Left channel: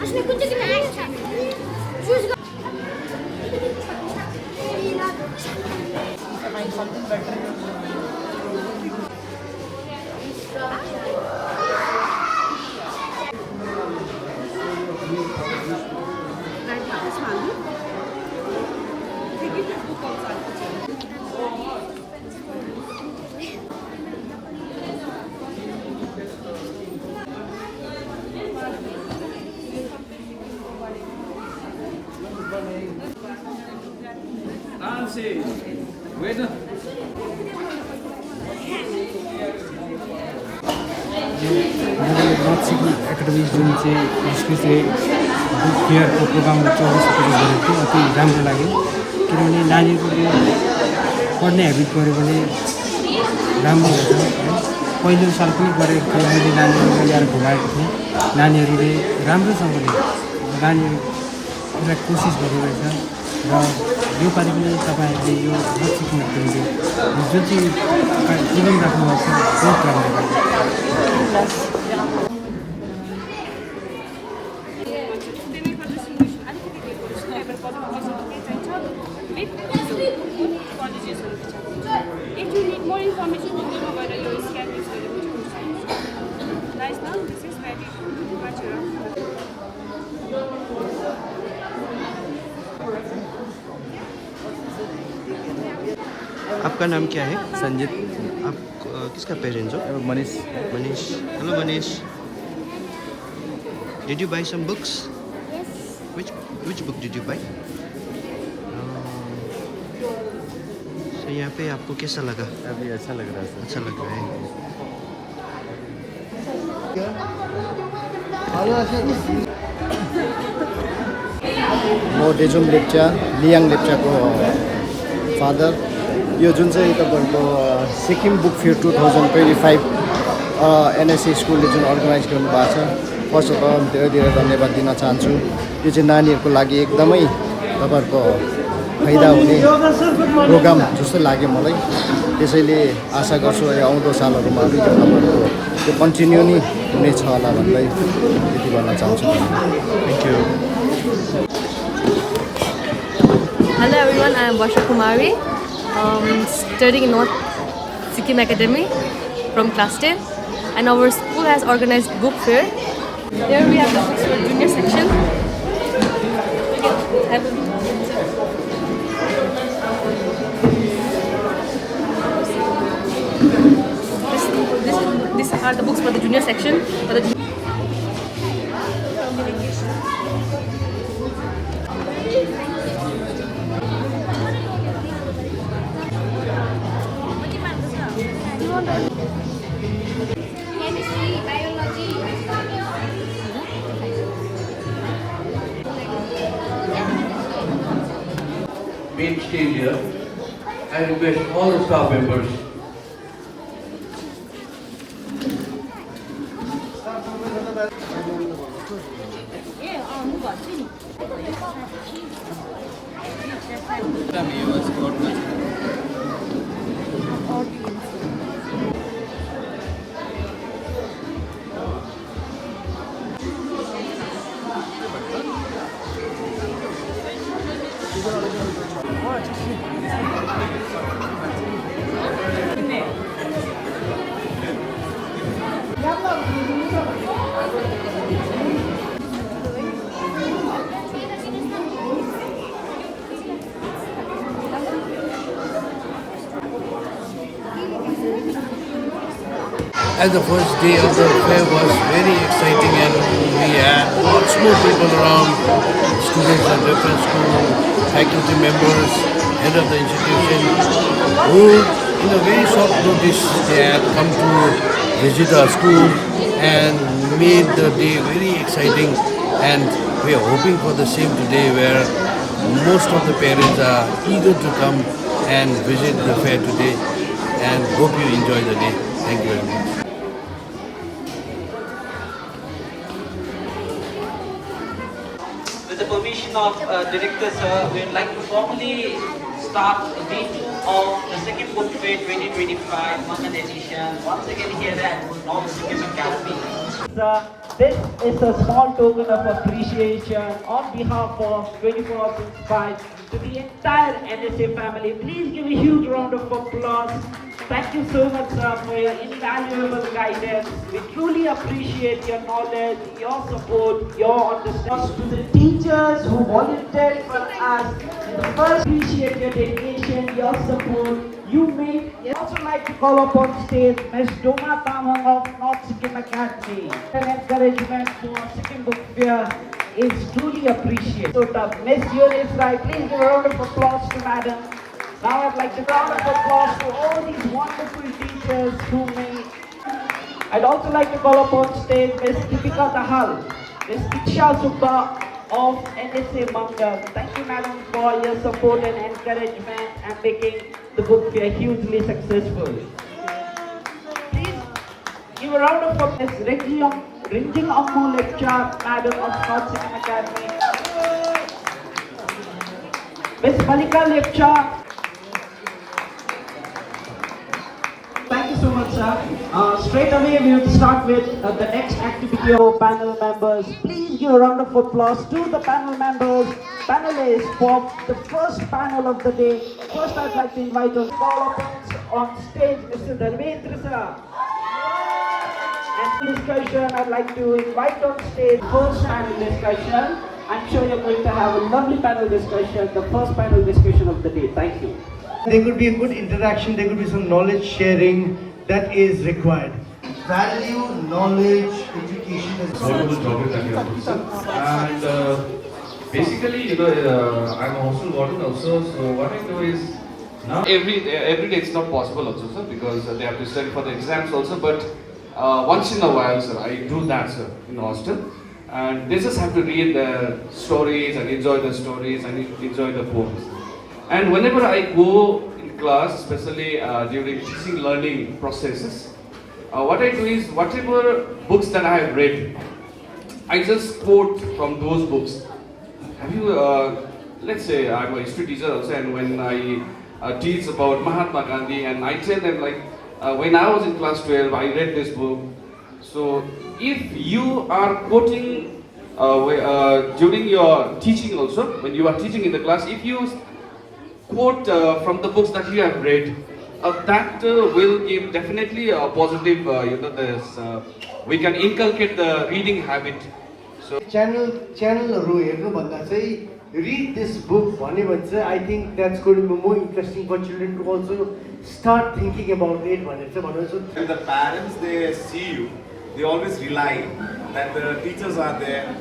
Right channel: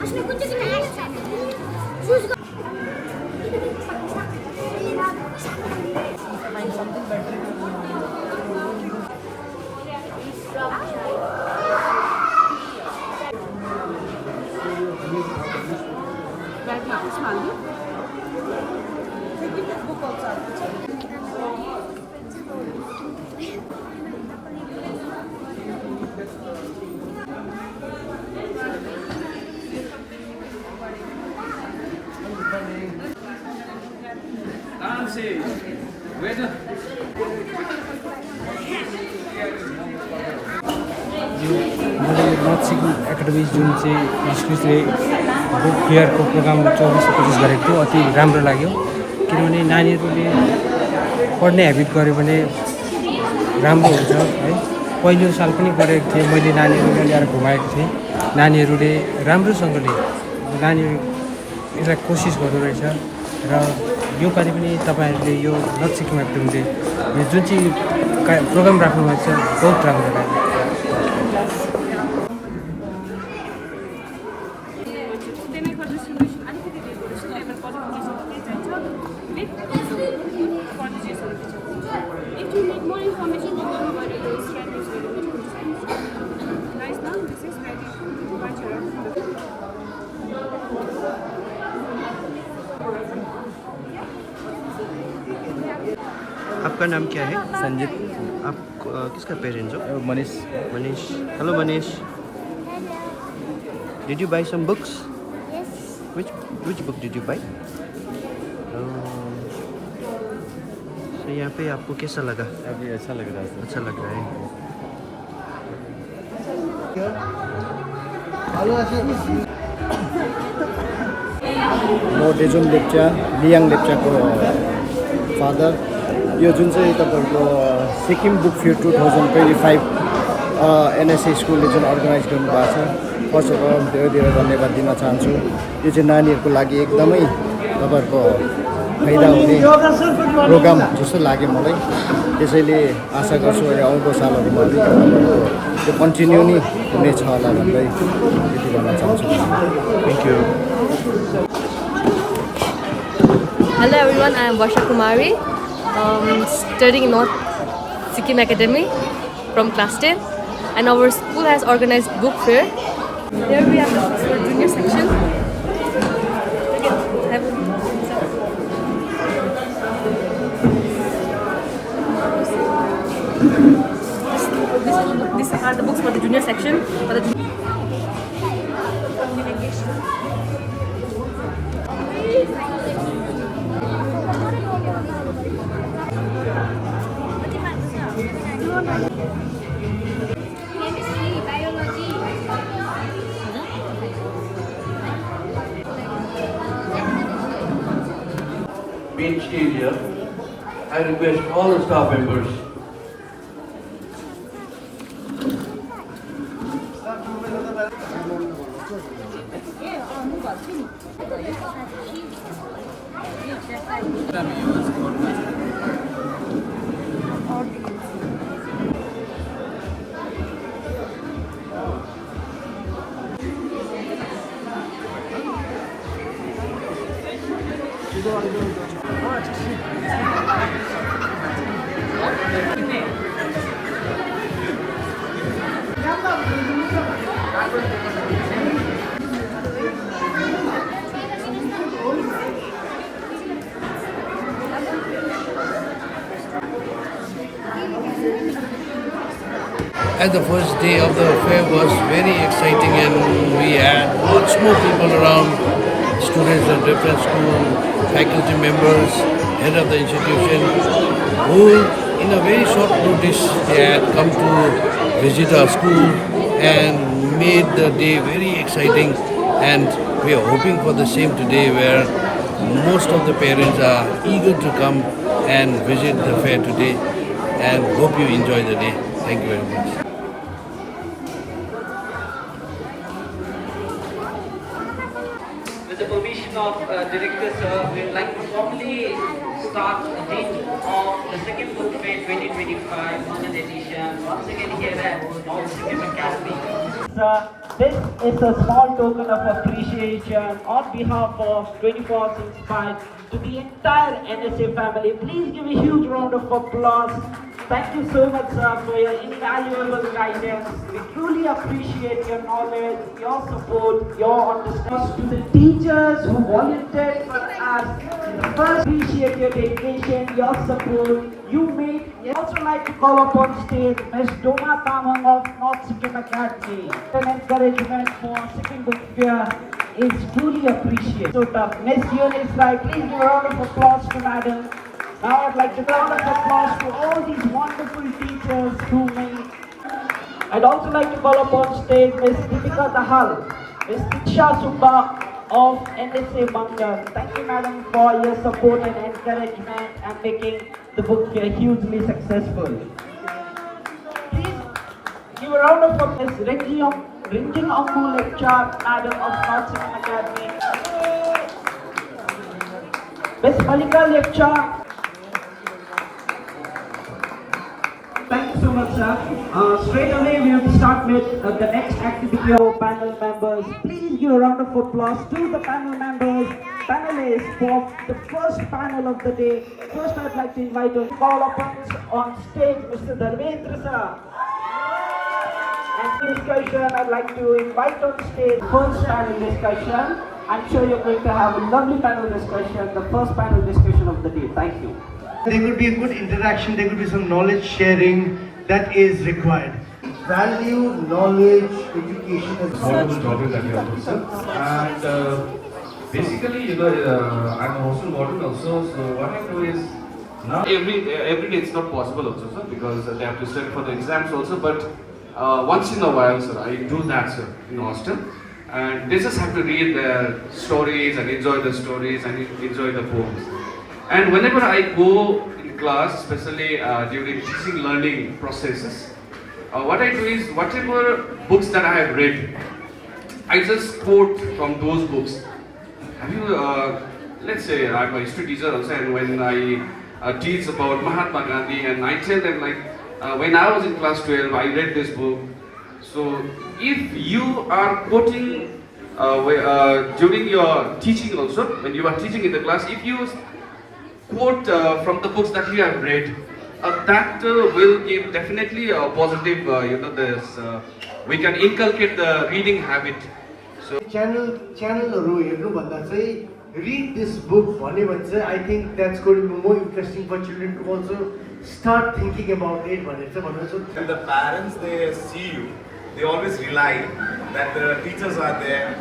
Something better. यो मजाले north Sikkim academy जुन चाहिँ स्कुलले book फेयरको programme 24-25 गरेको थियो अति राम्रो लाग्यो किनभने नानीहरूले पढ्ने ह्याबिट गऱ्यो भने राम्रो हुन्छ है। पहिलो साल पनि गरेको थिएँ मैले, नानीहरूलाई ल्याएर घुमाएको थिएँ। नानीहरूले राम्रोसँगले यसलाई कोसिस गर्दो रहेछ र योपालि पनि तपाईँहरूले यो नर्थ सिक्किम एकाडेमीले यो जुन चाहिँ प्रोग्राम राख्नुभएको छ बहुत राम्रो लाग्यो। आपका नाम क्या है? संजीत। आप किसका पेरेंट्स हो? Manish. Manish. Hello Manish. Did you buy some books? Yes. Which book did you buy? So यहाँ पे आपको कैसा लगा? अभी अच्छा लग रहा है। अच्छा लग रहा है। म डेजुम लेप्चा, लियाङ लेप्चाको फादर। यो जुन चाहिँ तपाईहरुको सिक्किम बुक फेयर 2025 एनएसए स्कुलले जुन अर्गनाइज गर्नुभएको छ, फर्स्ट अफ अल धेरै धेरै धन्यवाद दिन चाहन्छु। यो चाहिँ नानीहरूको लागि एकदमै तपाईहरुको फाइदा हुने प्रोग्राम जस्तो लाग्यो मलाई। त्यसैले आशा गर्छु आउँदो सालहरुमा पनि तपाईहरुको त्यो कन्टिन्यू नै हुनेछ होला भन्दै यति भन्न चाहन्छु। Thank you. Hello everyone, I am Varsha Kumari, studying in North Sikkim Academy from class 10, and our school has organized book fair. Here we have the books for junior section. You can have a These are the books for the junior section. Main stage here, I request all the staff members As the first day of the fair was very exciting, and we had lots more people around, students of different schools, faculty members, head of the institution, who in a very short notice they had come to visit our school and made the day very exciting, and we are hoping for the same today where most of the parents are eager to come and visit the fair today, and hope you enjoy the day. Thank you very much. With the permission of Director Sir, we would like to formally start the date of the second book fair 2025 Mongan edition once again here at North Sikkim Academy. This is a small token of appreciation on behalf of 24 Hours Inspired to the entire NSA family. Please give a huge round of applause. Thank you so much, sir, for your invaluable guidance. We truly appreciate your knowledge, your support, your understanding. To the teachers who volunteered for us, in the first appreciate your dedication, your support. You made. I also like to call upon stage Ms. Dona Tamang of North Sikkim Academy. An encouragement for Sikkim Book Fair is truly appreciated. So tough. Ms. Eunice Rai, please give a round of applause to Madam. Now I'd like to give a round of applause to all these wonderful teachers who made. I'd also like to call upon stage Ms. Deepika Tahal, Ms. Diksha Subba of NSA Mangal. Thank you, Madam, for your support and encouragement and making the book fair hugely successful. Please give a round of applause to Ms. Rinjing Ambu Lecture, Madam of North Sikkim Academy. Ms. Malika Lecture. Thank you so much, sir. Straight away, we will start with the next activity of panel members. Please give a round of applause to the panel members, panelists for the first panel of the day. First, I'd like to invite us call on stage Mr. Dharmendra, sir. And for discussion, I'd like to invite on stage first panel discussion. I'm sure you're going to have a lovely panel discussion, the first panel discussion of the day. Thank you. There could be a good interaction, there could be some knowledge sharing that is required. Value, knowledge, education is wonderful topic that you have put, sir. And basically, I'm a hostel warden also, so what I do is now every day it's not possible also, sir, because they have to study for the exams also, but once in a while, sir, I do that, sir, in hostel. And they just have to read the stories and enjoy the stories and enjoy the poems. And whenever I go in class, especially during teaching learning processes, what I do is whatever books that I have read, I just quote from those books. Have you, let's say I'm a history teacher also, and when I teach about Mahatma Gandhi, and I tell them like, when I was in class 12, I read this book. So if you are quoting during your teaching also, when you are teaching in the class, if you quote from the books that you have read, that will give definitely a positive, we can inculcate the reading habit. So channelहरू हेर्नुभन्दा चाहिँ read this book भन्यो भने चाहिँ I think that's going to be more interesting for children to also start thinking about it भनेर चाहिँ भन्नुहुन्छ. When the parents they see you, they always rely that the teachers are there.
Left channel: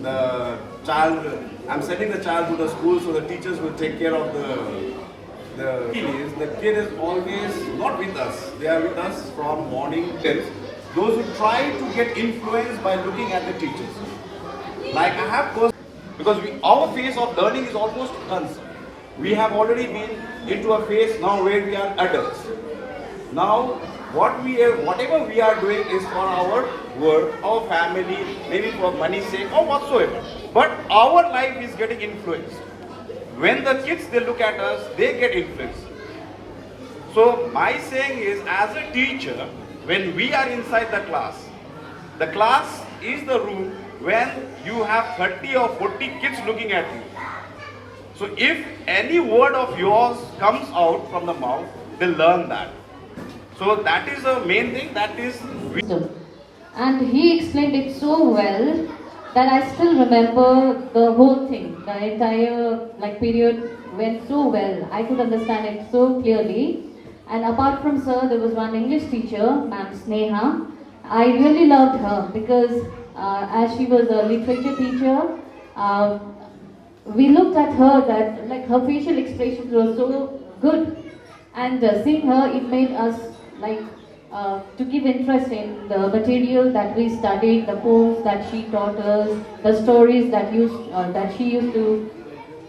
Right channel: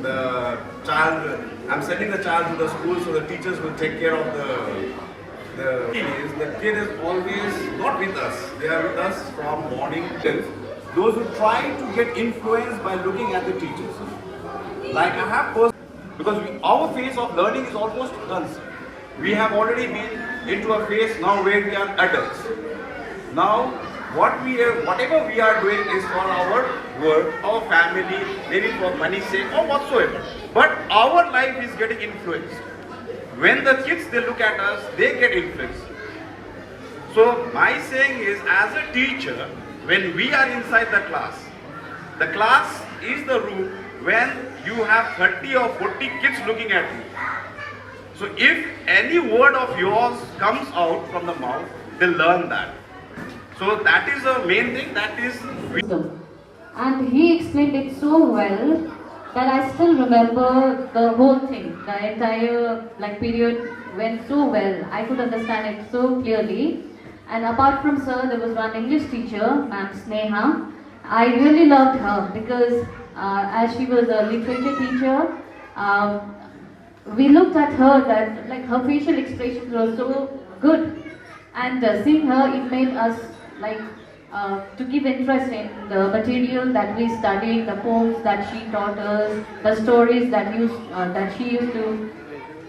The child, I'm sending the child to the school, so the teachers will take care of the kid is always not with us. They are with us from morning till those who try to get influenced by looking at the teachers. Like I have because our phase of learning is almost done. We have already been into a phase now where we are adults. Now whatever we are doing is for our work, our family, maybe for money's sake or whatsoever. But our life is getting influenced. When the kids they look at us, they get influenced. So my saying is, as a teacher, when we are inside the class is the room when you have 30 or 40 kids looking at you. So if any word of yours comes out from the mouth, they learn that. So that is the main thing, that is wisdom. And he explained it so well that I still remember the whole thing. The entire period went so well. I could understand it so clearly. And apart from sir, there was one English teacher, Ma'am Sneha. I really loved her because as she was a literature teacher, we looked at her that her facial expressions were so good. And seeing her, it made us to give interest in the material that we studied, the poems that she taught us, the stories that she used to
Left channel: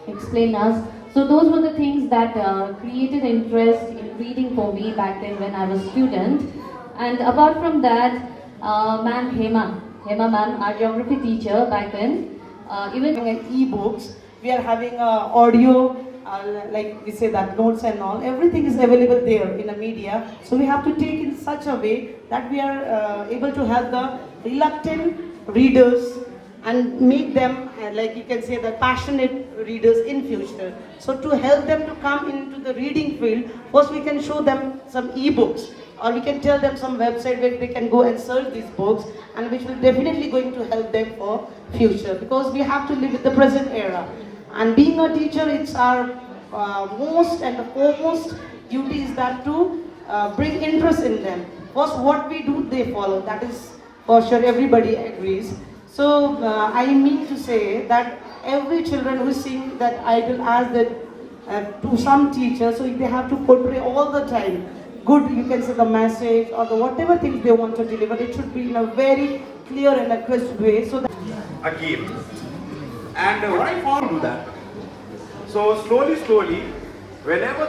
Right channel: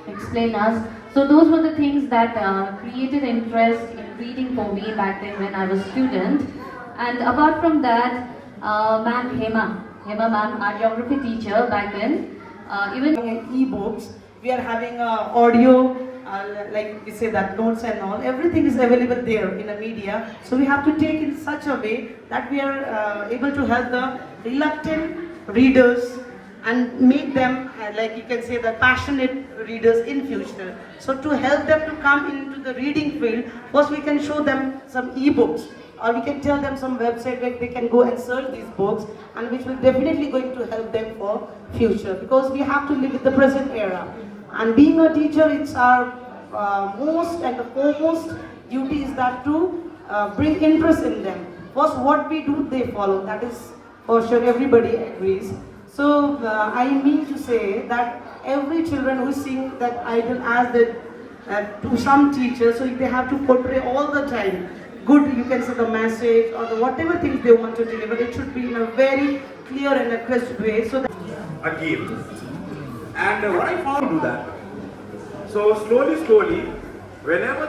explain us. So those were the things that created interest in reading for me back then when I was a student. And apart from that, Ma'am Hema ma'am, our geography teacher back then, even e-books, we are having audio, like we say that notes and all, everything is available there in a media. So we have to take in such a way that we are able to help the reluctant readers and make them, like you can say, the passionate readers in future. So to help them to come into the reading field, first we can show them some e-books, or we can tell them some website where they can go and search these books, and which will definitely going to help them for future, because we have to live with the present era. And being a teacher, it's our most and the foremost duty is that to bring interest in them. First, what we do, they follow. That is for sure, everybody agrees. So I mean to say that every children who is seeing that idol as the to some teachers, so they have to portray all the time good, you can say, the message or the whatever things they want to deliver. It should be in a very clear and a crisp way. So that again. And what I found to do that. So slowly, whenever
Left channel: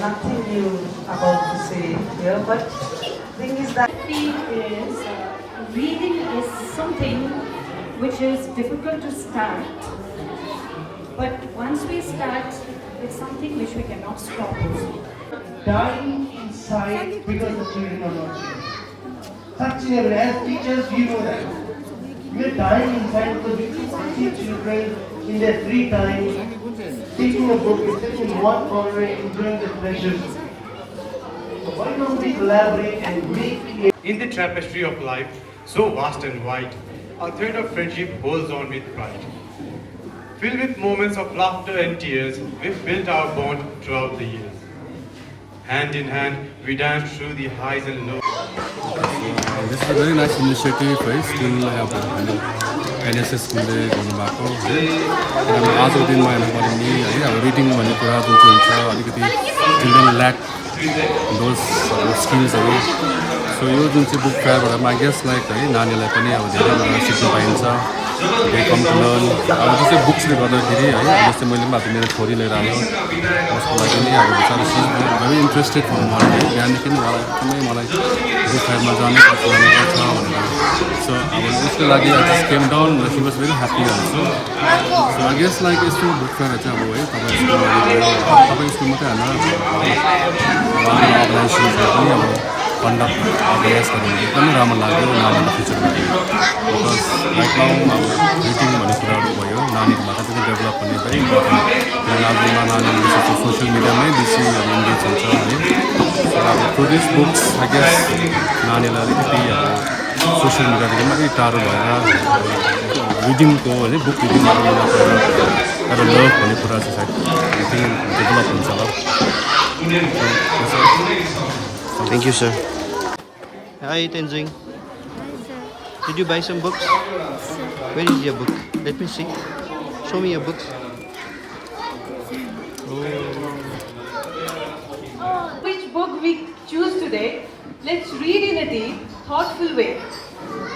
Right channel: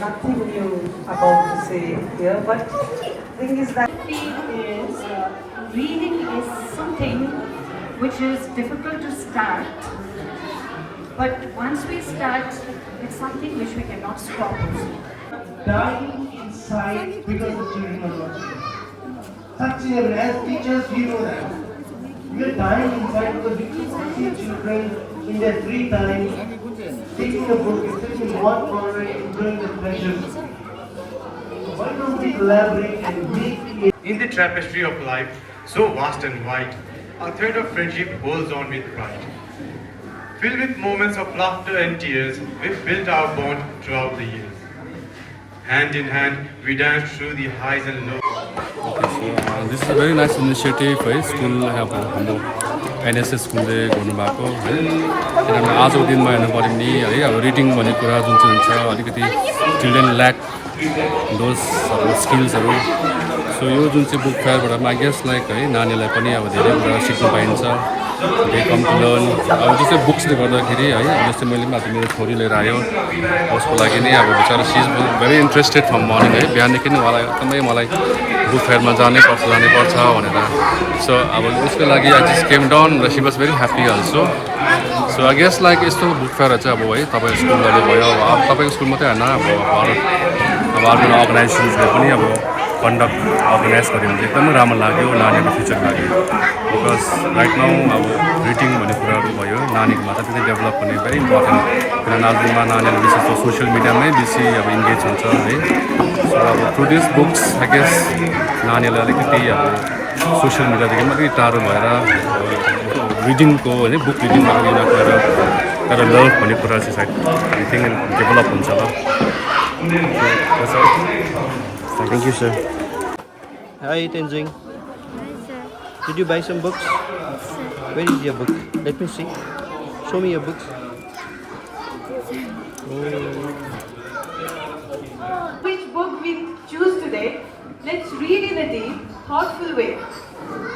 nothing new about to say here, but thing is that reading is something which is difficult to start, but once we start, it's something which we cannot stop. Dying inside because the children are not here. Such as teachers, we know that. We are dying inside because we see children in their free time, taking a book, sitting in one corner, enjoying the pleasures. So why don't we collaborate and make it? In the tapestry of life, so vast and wide, a thread of friendship holds on with pride. Filled with moments of laughter and tears, we've built our bond throughout the years. Hand in hand, we dance through the highs and lows. This is a very nice initiative है school अब हाम्रो NSS स्कुलले गर्नुभएको है किनभने आजको दिनमा हेर्नु पऱ्यो भने है अब रिडिङ भन्ने कुरा जुन चाहिँ हुन्छ अलिकति चिल्ड्रेन ल्याक दोज अब स्किल्सहरू सो यो जुन चाहिँ बुक फेयरबाट आई गेस लाइक है नानीहरूलाई पनि अब धेरै कुरा सिक्नु पाइन्छ दे कम टु लर्न अब जस्तै बुक्सले गर्दाखेरि है अब जस्तै मैले पनि अब मेरो छोरी लिएर आयो उसको लागि नै अब बिचरा she is very interested from morning है बिहानदेखि नै एकदमै मलाई बुक फेयरमा जानै पर्छ भनेर सो अब उसको लागि आई जस्ट केम डाउन र she was very happy also so I guess like यस्तो बुक फेयर चाहिँ अब है तपाईँको स्कुलमा भयो अब तपाईँको स्कुल मात्रै होइन अब अर्को अर्गनाइजेसन्सले पनि अब कन्डक्ट अर्गनाइज गऱ्यो भने एकदमै राम्रो लाग्यो नानीहरूको फ्युचर लागि बिकज राइट नाउ अब रिडिङ भन्ने कुराहरू भयो नानीको मात्र पनि डेभलप हुने भेरी इम्पोर्टेन्ट किनभने आजमा नानीहरू बेसी त सोसियल मिडियामै बेसी अब इन्गेज हुन्छ है सो अब through this books I guess नानीहरूलाई अलिकति अब सोसियल मिडियादेखि अलिकति टाढो भएर रिडिङको होइन बुक रिडिङमा गएर तर लभ भन्ने कुरा चाहिँ सायद आई थिङ्क डेभलप हुन्छ होला Thank you, sir. Hi, Tenzing. Hi, sir. Did you buy some books? Yes, sir. Where is your book? Let me see. Show me your books. Which book we choose today, let's read in a deep, thoughtful way.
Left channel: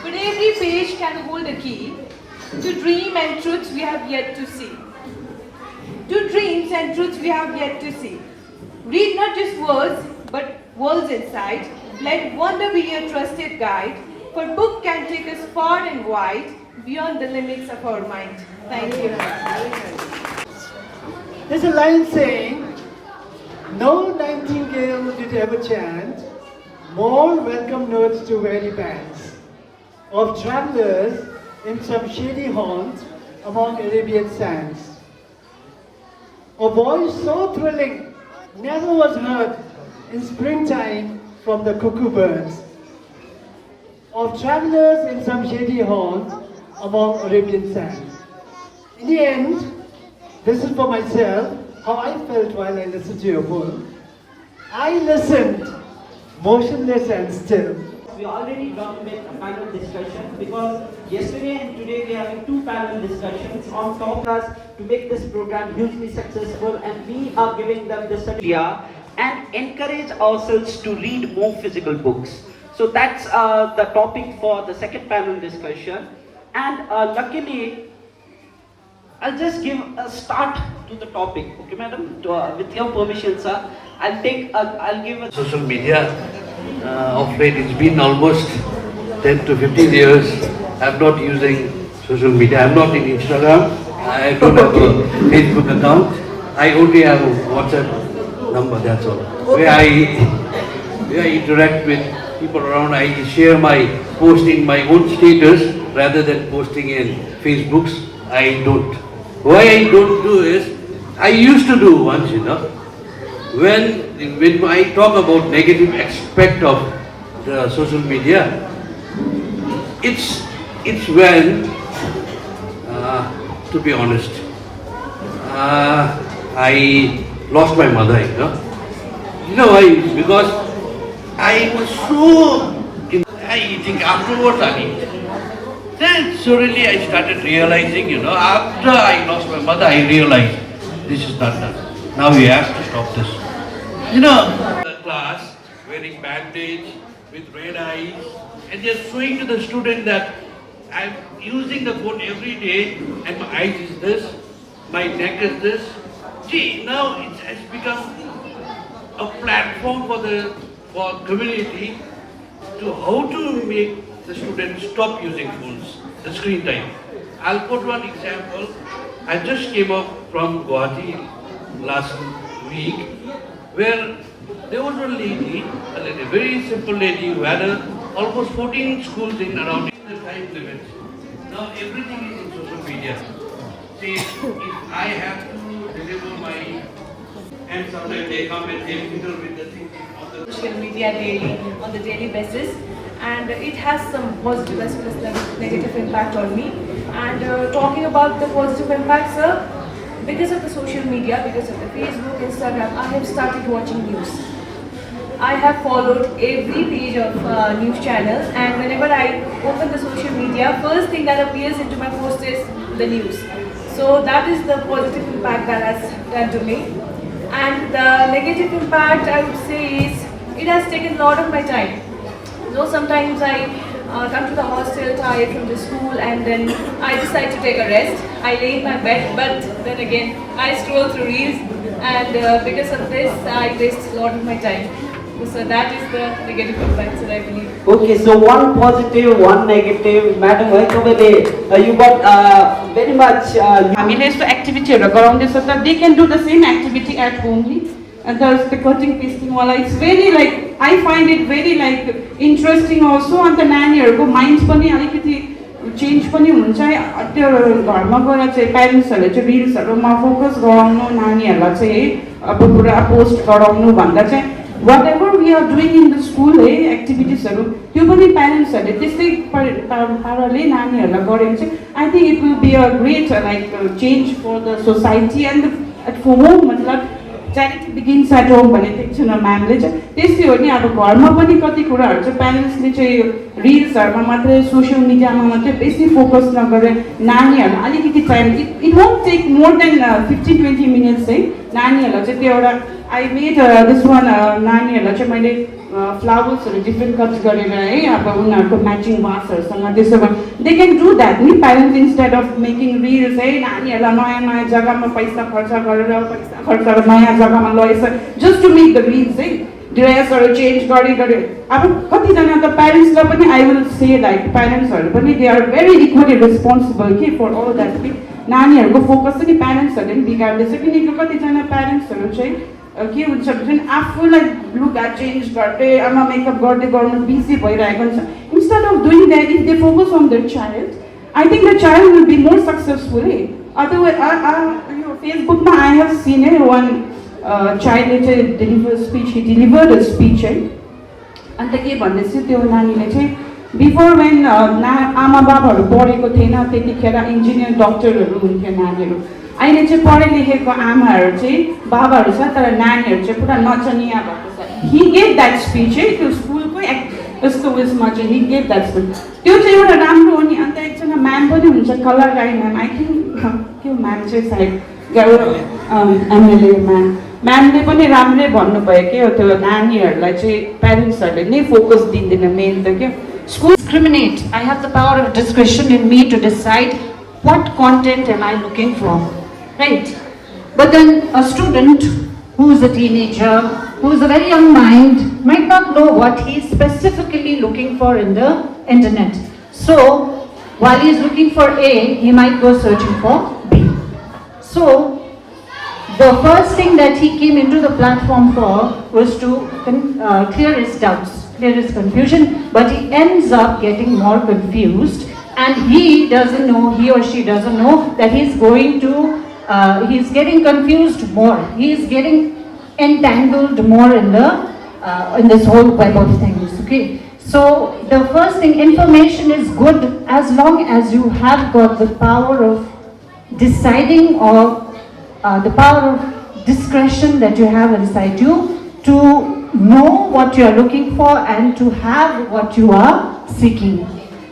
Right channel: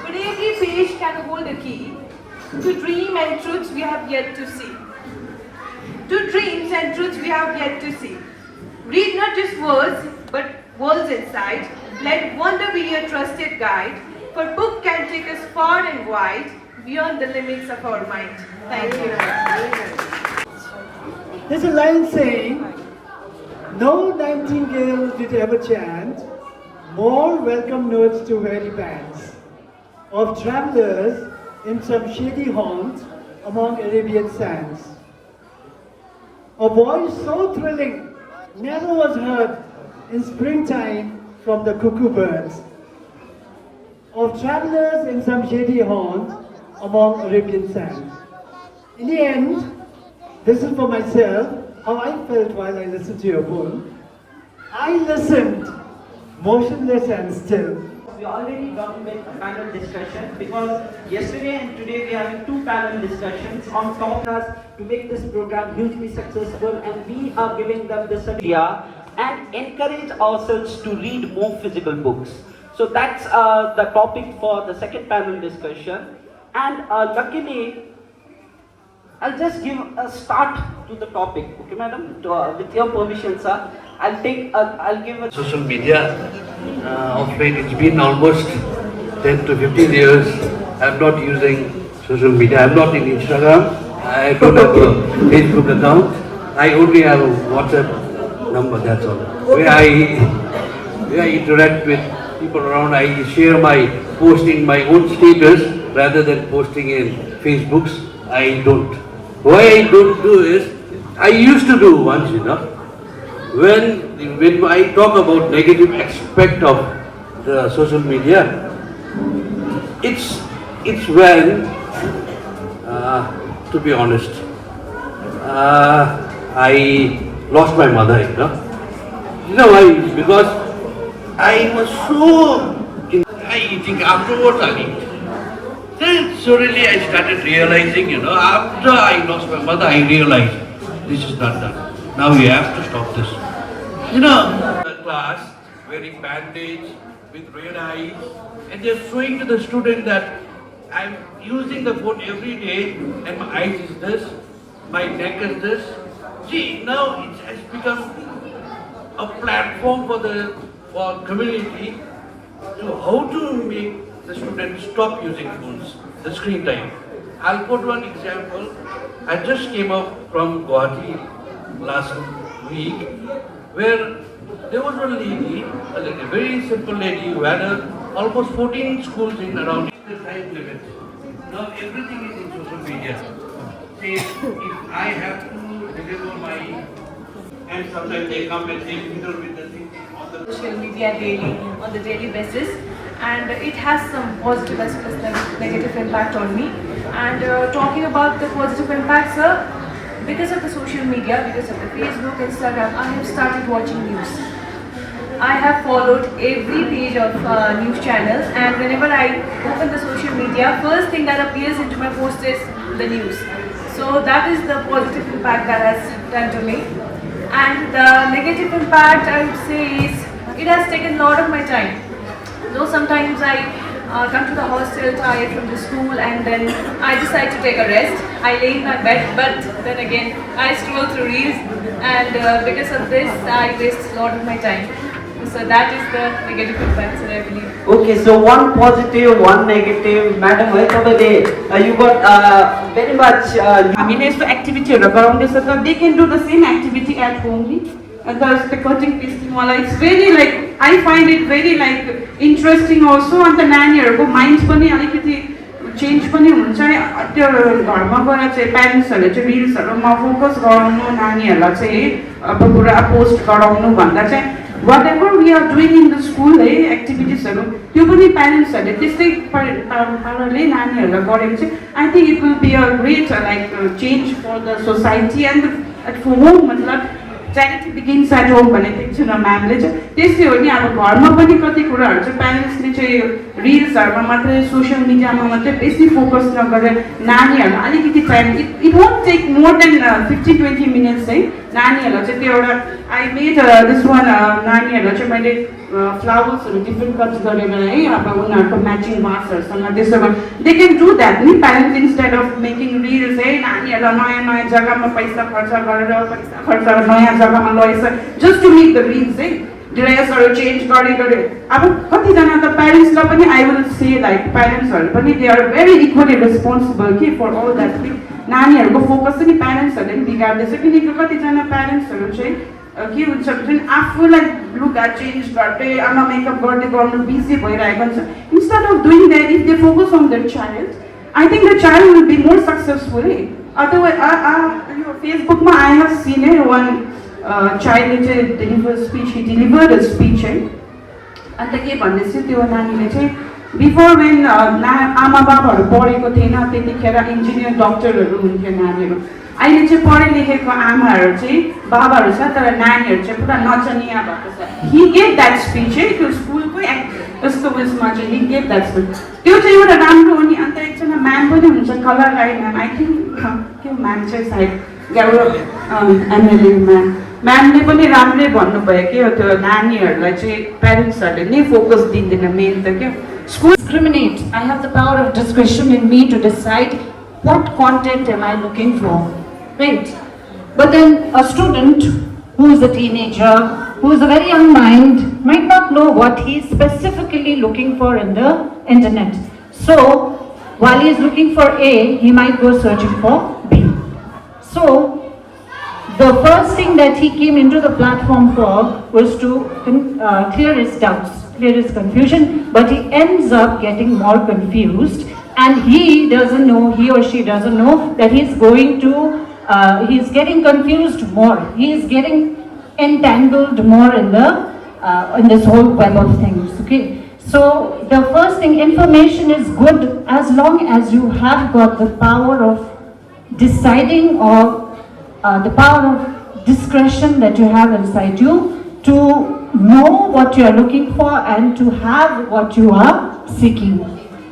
But every page can hold a key to dream and truths we have yet to see. To dreams and truths we have yet to see. Read not just words, but worlds inside. Let wonder be your trusted guide, for book can take us far and wide, beyond the limits of our mind. Thank you. There's a line saying, no nightingale did ever chant more welcome notes to weary bands of travelers in some shady haunt among Arabian sands. A voice so thrilling never was heard in springtime from the cuckoo birds, of travelers in some shady haunt among Arabian sands. In the end, this is for myself, how I felt while I listened to your poem. I listened, motionless and still. We already documented a panel discussion because yesterday and today we are having 2 panel discussions on topics to make this program hugely successful, and we are giving them this idea and encourage ourselves to read more physical books. So that's the topic for the second panel discussion. And luckily, I'll just give a start to the topic. Okay, madam? With your permission, sir, I'll give a... Social media of late, it's been almost 10 to 15 years. I'm not using social media. I'm not in Instagram I don't have a Facebook account. I only have a WhatsApp number, that's all. Where I interact with people around. I share my posting my own status rather than posting in Facebooks. I don't. Why I don't do is, I used to do once, when I talk about negative aspect of the social media, it's when, to be honest, I lost my mother, You know why? Because I was so, I think afterwards, then suddenly I started realizing, after I lost my mother, I realized this is not done. Now we have to stop this. The class wearing bandage with red eyes and just showing to the student that I'm using the phone every day and my eyes is this, my neck is this. Gee, now it has become a platform for community to how to make the students stop using phones, the screen time. I'll put one example. I just came up from Guwahati last week, where there was a lady, like a very simple lady, who had almost 14 schools in around the time limit. Now everything is in social media. See, if I have to deliver my, and sometimes they come and take picture with the thing on the social media daily, on the daily basis, and it has some positive as well as negative impact on me. And talking about the positive impact, sir, because of the social media, because of the Facebook, Instagram, I have started watching news. I have followed every page of news channels, and whenever I open the social media, first thing that appears into my post is the news. So that is the positive impact that has done to me. And the negative impact, I would say, is it has taken a lot of my time. Sometimes I come to the hostel tired from the school, and then I decide to take a rest. I lay in my bed, but then again I scroll through reels, and because of this I waste a lot of my time. So that is the negative impact that I believe. Okay, so one positive, one negative. Madam, you got very much. हामीले यस्तो एक्टिभिटीहरू गराउँदैछ त they can do the same activity at home. And the cutting pasting wala, it's very like, I find it very like interesting also. And the नानीहरुको minds पनि अलिकति change पनि हुन्छ. त्यो घरमा गएर चाहिँ प्यारेन्ट्सहरुले चाहिँ रिल्सहरुमा फोकस गराउनु, नानीहरुलाई चाहिँ अब पुरा पोस्ट गराउनु भन्दा चाहिँ whatever we are doing in the school activities त्यो पनि प्यारेन्ट्सहरुले त्यस्तै पाराले नानीहरुलाई गरे चाहिँ I think it will be a great like change for the society and for home. मतलब charity begins at home भनेको छु न म्यामले चाहिँ त्यस्तै हो नि. अब घरमा पनि कति कुराहरु चाहिँ प्यारेन्ट्सले चाहिँ रिल्सहरुमा मात्रै सोशल मिडियामा मात्रै बेसी फोकस नगरेर नानीहरुलाई अलिकति time it won't take more than 15-20 minutes नानीहरुलाई चाहिँ त्यो एउटा I made this one नानीहरुलाई चाहिँ मैले फ्लावर्सहरु डिफरेन्ट कट गरेर अब उनीहरुको म्याचिङ वासहरुसँग त्यसो गरे they can do that नि parents instead of making reels नानीहरुलाई नयाँ नयाँ जग्गामा पैसा खर्च गरेर पैसा खर्च गरेर नयाँ जग्गामा लगेछ just to make the reels ड्रेसहरु चेन्ज गरे अब कतिजना त प्यारेन्ट्सलाई पनि I will say like प्यारेन्ट्सहरु पनि they are very equally responsible के for all that नानीहरुको फोकस चाहिँ प्यारेन्ट्सहरुले पनि बिगार्दैछ किनकि कतिजना प्यारेन्ट्सहरु चाहिँ के हुन्छ भने आफूलाई लुगा चेन्ज गर्दै आमा मेकअप गर्दै गर्नु बिजी भइरहेको हुन्छ. Instead of doing that, if they focus on their child, I think the child will be more successful. Otherwise, Facebook I have seen one child he delivered a speech अन्त के भन्दैछ त्यो नानीले चाहिँ बिफोर व्हेन आमा बाबाहरु पढेको थिएन त्यतिखेर इन्जिनियर डक्टरहरु हुन्थ्यो नानीहरु. अहिले चाहिँ पढे लेखेको आमाहरु चाहिँ बाबाहरु छ तर नानीहरु चाहिँ पुरा नचनिया भएको छ. He gave that speech त्यो स्कुलकै यस्तो उयसमा चाहिँ he gave that speech. त्यो चाहिँ एउटा राम्रो हो नि. अन्त एकजना म्याम पनि हुन्छ कलर राई म्याम आई थिंक त्यो म्याम चाहिँ सायद एमएलए म्यामले पनि राम्रै भन्नुभयो के त्यो नानीहरुलाई चाहिँ प्यारेन्ट्सहरुले नै फोकस दिँदैन मेन त के. School discriminate. I have the power of discretion in me to decide what content am I looking for. Right? But then a student who is a teenager, who is a very young mind, might not know what he is specifically looking for in the internet. So, while he is looking for A, he might go searching for B. So the first thing that he came into the platform for was to clear his doubts, clear his confusion, but he ends up getting more confused, and he doesn't know, he or she doesn't know that he's going to, he's getting confused more, he's getting entangled more in this whole web of things, okay? So the first thing, information is good as long as you have got the power of deciding, or the power of discretion that you have inside you to know what you are looking for and to have what you are seeking.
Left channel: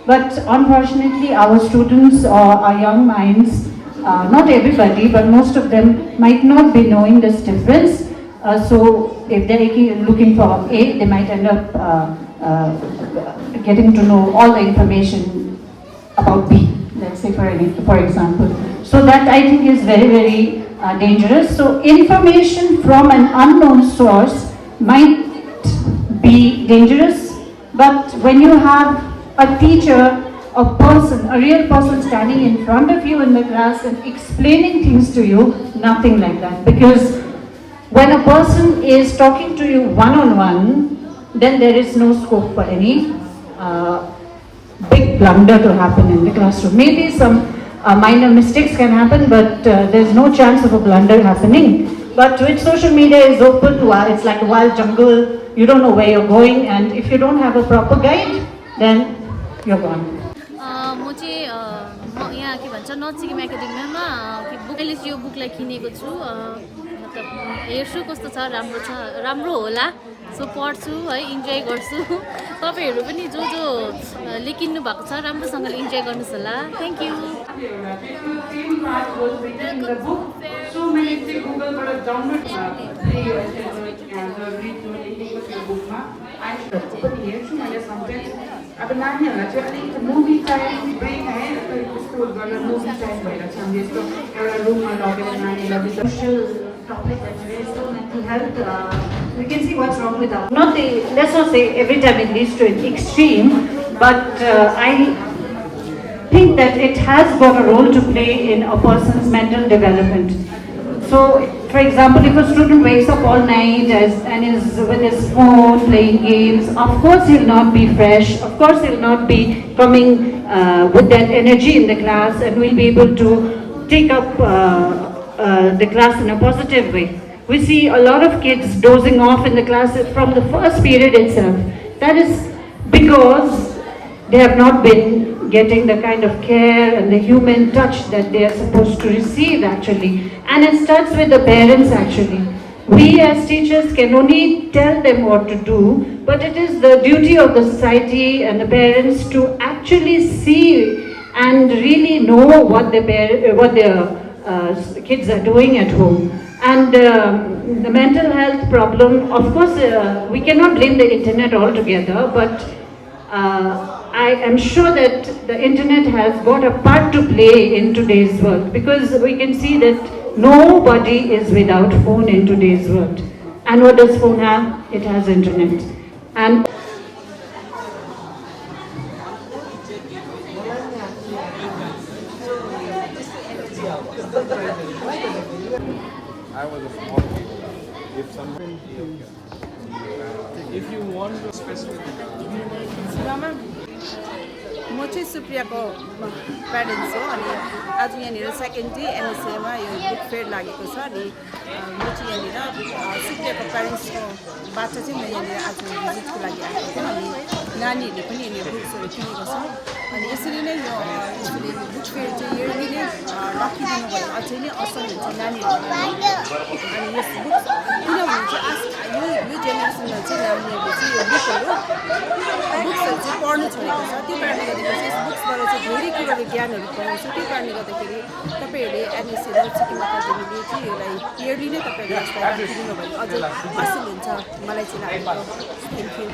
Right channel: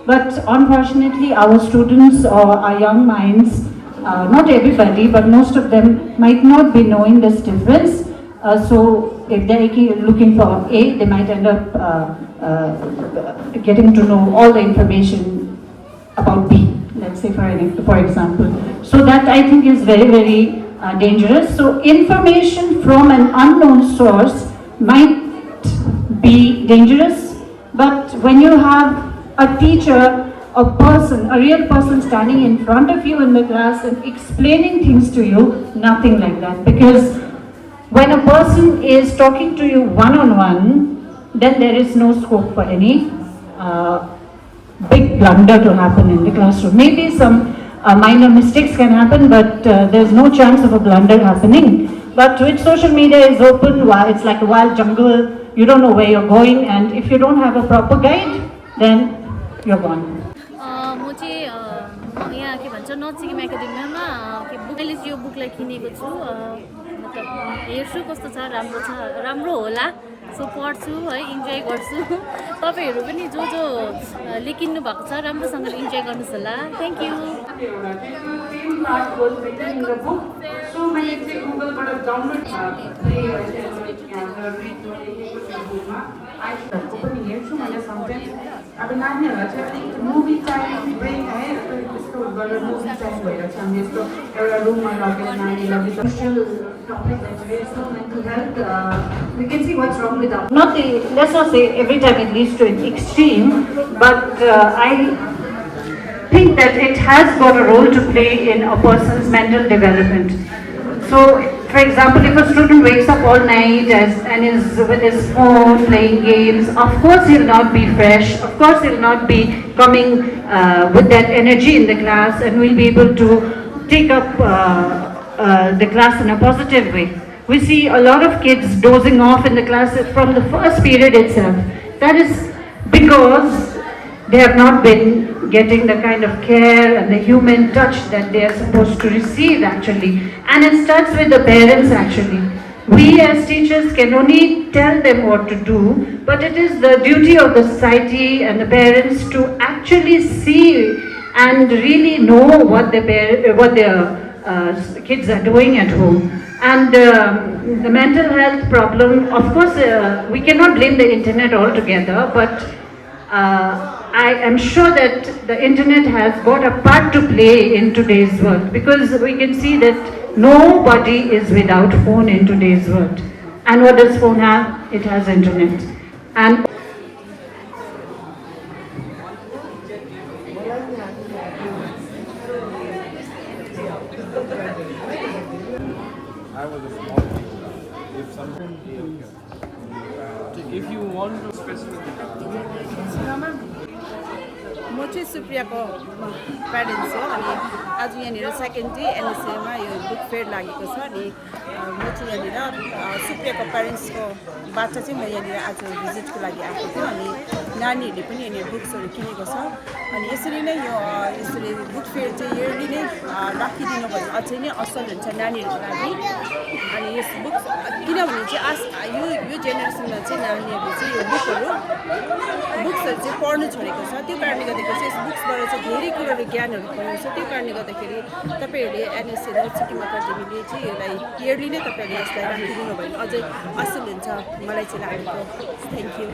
But unfortunately, our students or our young minds, not everybody, but most of them might not be knowing this difference. So if they're looking for A, they might end up getting to know all the information about B, let's say for example. So that I think is very, very dangerous. So information from an unknown source might be dangerous, but when you have a teacher, a person, a real person standing in front of you in the class and explaining things to you, nothing like that. Because when a person is talking to you one-on-one, then there is no scope for any big blunder to happen in the classroom. Maybe some minor mistakes can happen, but there's no chance of a blunder happening. But with social media is open, it's like a wild jungle, you don't know where you're going, and if you don't have a proper guide, then you're gone. म चाहिँ यहाँ के भन्छ north Sikkim एकाडेमीमा मैले चाहिँ यो बुकलाई किनेको छु मतलब हेर्छु कस्तो छ राम्रो होला सो पढ्छु है इन्जोय गर्छु तपाईहरु पनि जो ले किन्नु भएको छ राम्रोसँगले इन्जोय गर्नुस् होला थ्यांक यू अब नानीहरूलाई चाहिँ मुभी टाइम ब्रेक है यस्तो गरेर मुभी टाइम भइरहेको छ हामी यस्तो एउटा रुममा लगेर नानीहरूलाई topic that's very so mental health. We can see what's wrong with that. Let's not say every time it leads to an extreme, but I think that it has got a role to play in a person's mental development. So, for example, if a student wakes up all night and is with his phone playing games, of course he'll not be fresh, of course he'll not be coming with that energy in the class, and will be able to take up the class in a positive way. We see a lot of kids dozing off in the class from the first period itself. That is because they have not been getting the kind of care and the human touch that they are supposed to receive actually. And it starts with the parents actually. We as teachers can only tell them what to do, but it is the duty of the society and the parents to actually see and really know what their kids are doing at home. And the mental health problem, of course, we cannot blame the internet altogether, but I am sure that the internet has got a part to play in today's world, because we can see that nobody is without phone in today's world. And what does phone have? It has internet. And I was a small kid. If someone if you want to specifically म चाहिँ सुप्रियाको parents हो अनि आज यहाँनिर second day एनएसएमा यो book fair लागेको छ अनि म चाहिँ यहाँनिर सुप्रियाको प्यारेन्ट्सकोबाट चाहिँ म यहाँनिर आज भिजिटको लागि आएको थियो अनि नानीहरूले पनि यहाँनिर बुक्सहरू किनेको छ अनि यसरी नै यो यसरी बुक फेयर चाहिँ इयरली नै राखिदिनु भयो अझै नै असल हुन्छ नानीहरूको लागि अनि यस बुक्स किनभने चाहिँ यो जेनेरेसनमा चाहिँ नानीहरूले चाहिँ यो बुक्सहरू चाहिँ पढ्नु छोडेको छ त्यो कारणले गर्दाखेरि चाहिँ यस बुक्सबाट चाहिँ धेरै कुराहरू ज्ञानहरू पाउँछ त्यो कारणले गर्दाखेरि तपाईँहरूले एनएसए नर्थ सिक्किम एकाडेमीले चाहिँ यसलाई इयरली नै तपाईँहरूले यसलाई राखिदिनु भयो भने अझै असल हुन्छ मलाई चाहिँ लागेको थ्याङ्क यू